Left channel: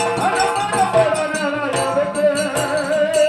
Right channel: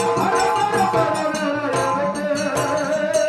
Oh,